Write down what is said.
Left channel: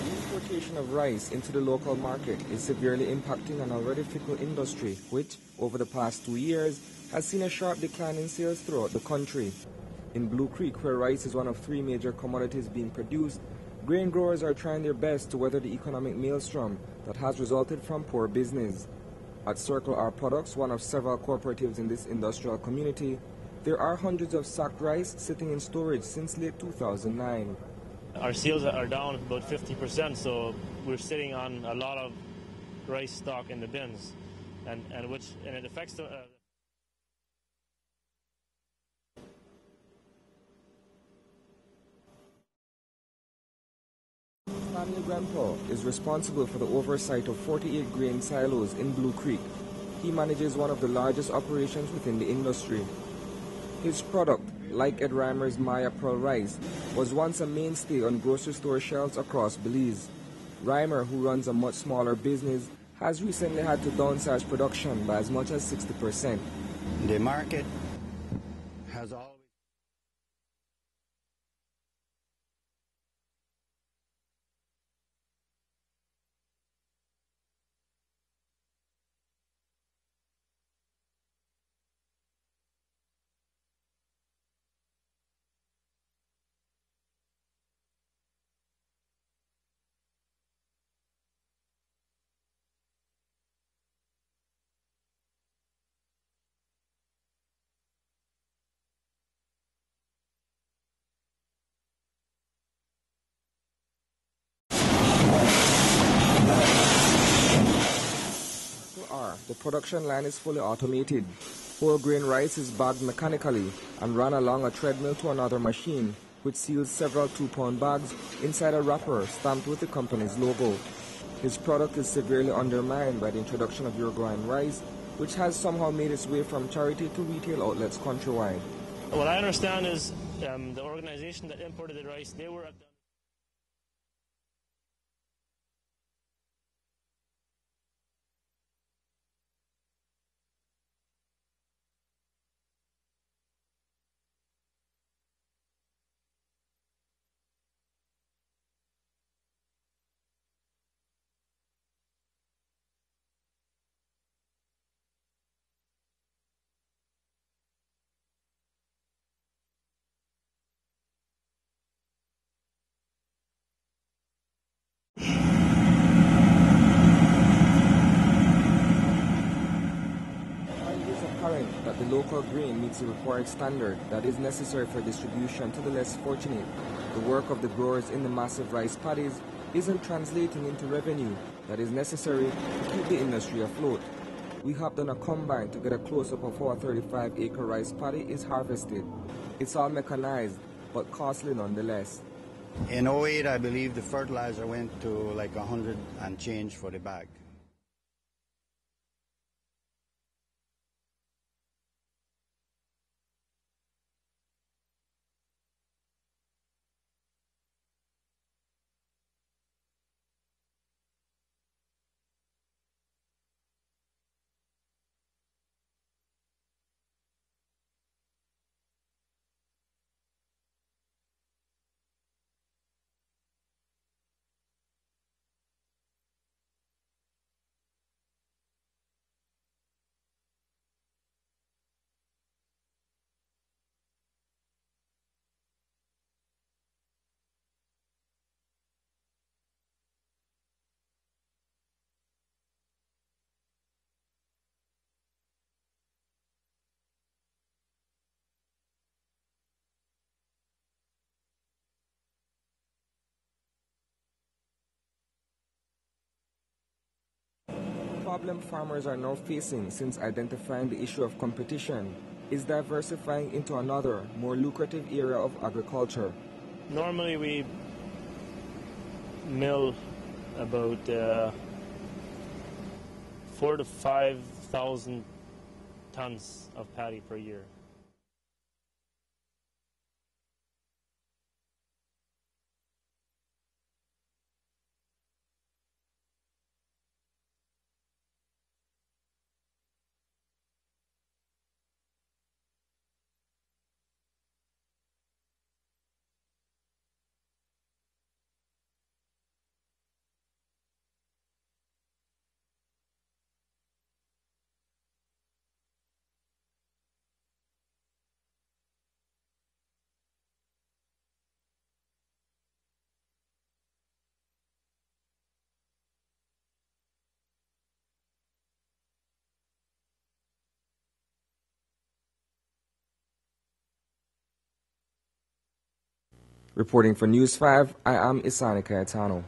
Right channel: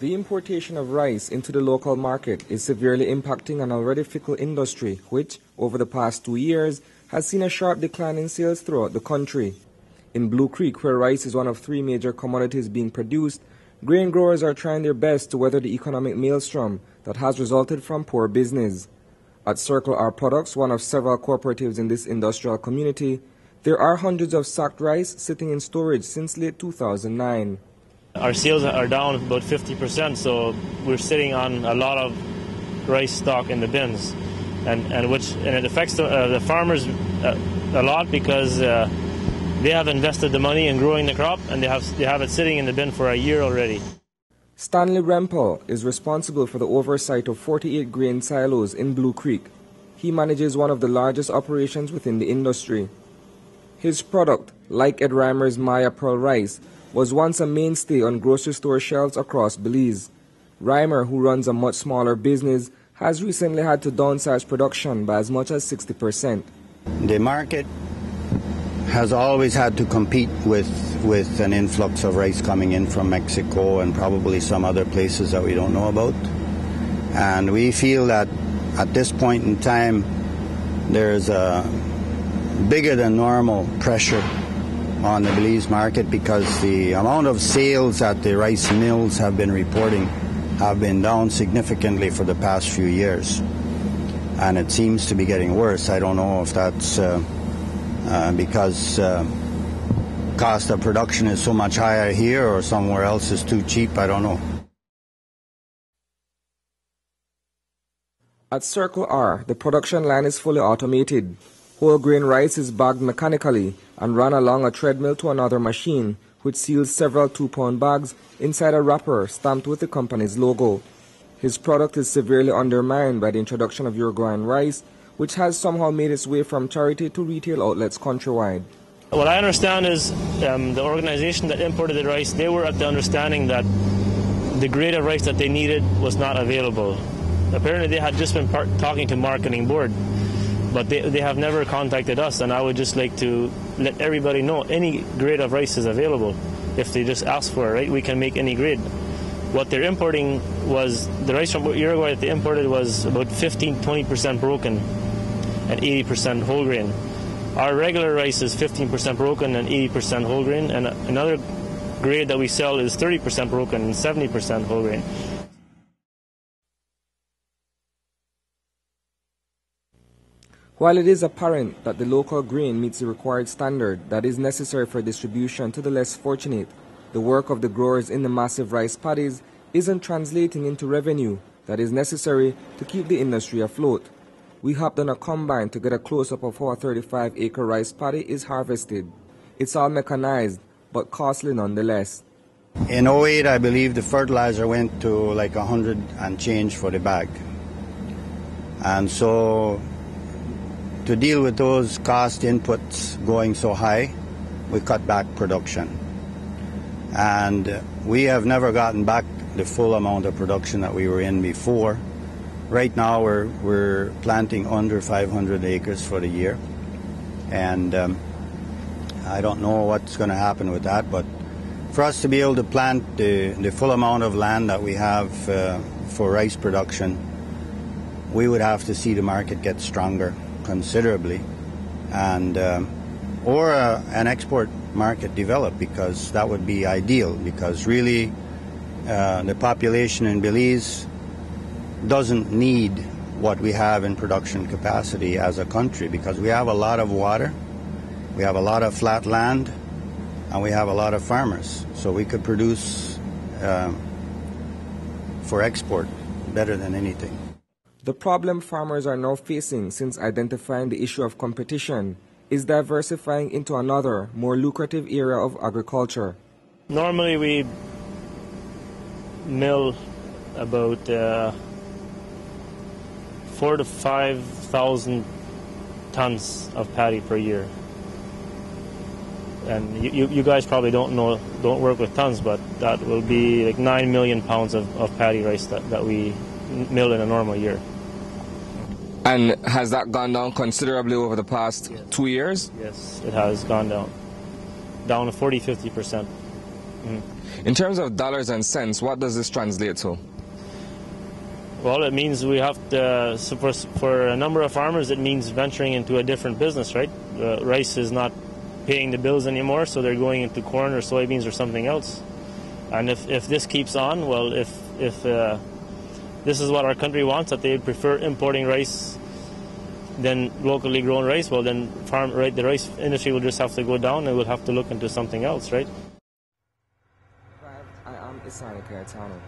The importation of rice into the local market is severely impacting an already fickle industry which, over the past 2 years, has seen a sharp decline in sales throughout the country. In Blue Creek, where rice is one of 3 major commodities being produced, grain growers are trying their best to weather the economic maelstrom that has resulted from poor business. At Circle R Products, one of several cooperatives in this industrial community, there are hundreds of sacked rice sitting in storage since late 2009. Our sales are down about 50%, so we're sitting on a lot of rice stock in the bins, and it affects the farmers a lot because they have invested the money in growing the crop, and they have it sitting in the bin for a year already. Stanley Rempel is responsible for the oversight of 48 grain silos in Blue Creek. He manages one of the largest operations within the industry. His product, like Ed Reimer's Maya Pearl rice, was once a mainstay on grocery store shelves across Belize. Reimer, who runs a much smaller business, has recently had to downsize production by as much as 60%. The market has always had to compete with an influx of rice coming in from Mexico and probably some other places that we don't know about. And we feel that at this point in time, there's a bigger than normal pressure on the Belize market because the amount of sales that the rice mills have been reporting have been down significantly for the past few years. And it seems to be getting worse. I don't know if that's because cost of production is so much higher here or somewhere else is too cheap. I don't know. At Circle R, the production line is fully automated. Whole grain rice is bagged mechanically and run along a treadmill to another machine, which seals several 2-pound bags inside a wrapper stamped with the company's logo. His product is severely undermined by the introduction of Uruguayan rice, which has somehow made its way from charity to retail outlets countrywide. What I understand is the organization that imported the rice, they were at the understanding that the grade of rice that they needed was not available. Apparently they had just been talking to Marketing Board, but they have never contacted us, and I would just like to let everybody know any grade of rice is available. If they just ask for it, right, we can make any grade. What they're importing was, the rice from Uruguay that they imported was about 15-20% broken and 80% whole grain. Our regular rice is 15% broken and 80% whole grain, and another grade that we sell is 30% broken and 70% whole grain. While it is apparent that the local grain meets the required standard that is necessary for distribution to the less fortunate, the work of the growers in the massive rice paddies isn't translating into revenue that is necessary to keep the industry afloat. We hopped on a combine to get a close-up of how a 35-acre rice paddy is harvested. It's all mechanized, but costly nonetheless. In 08, I believe the fertilizer went to like 100 and change for the bag. And so to deal with those cost inputs going so high, we cut back production. And we have never gotten back the full amount of production that we were in before. Right now we're planting under 500 acres for the year. And I don't know what's going to happen with that, but for us to be able to plant the full amount of land that we have for rice production, we would have to see the market get stronger considerably, and or an export market develop, because that would be ideal, because really the population in Belize doesn't need what we have in production capacity as a country, because we have a lot of water, we have a lot of flat land, and we have a lot of farmers, so we could produce for export better than anything. The problem farmers are now facing since identifying the issue of competition is diversifying into another, more lucrative area of agriculture. Normally we mill about 4,000 to 5,000 tons of paddy per year. And you guys probably don't work with tons, but that will be like 9 million pounds of paddy rice that we mill in a normal year. And has that gone down considerably over the past 2 years? Yes, it has gone down to 40-50%. In terms of dollars and cents, what does this translate to? Well, it means we have to, so for a number of farmers, it means venturing into a different business, right? Rice is not paying the bills anymore, so they're going into corn or soybeans or something else. And if this keeps on, well, if this is what our country wants, that they prefer importing rice than locally grown rice, well, then the rice industry will just have to go down and we'll have to look into something else, right? Reporting for News 5, I am Isani Cayetano.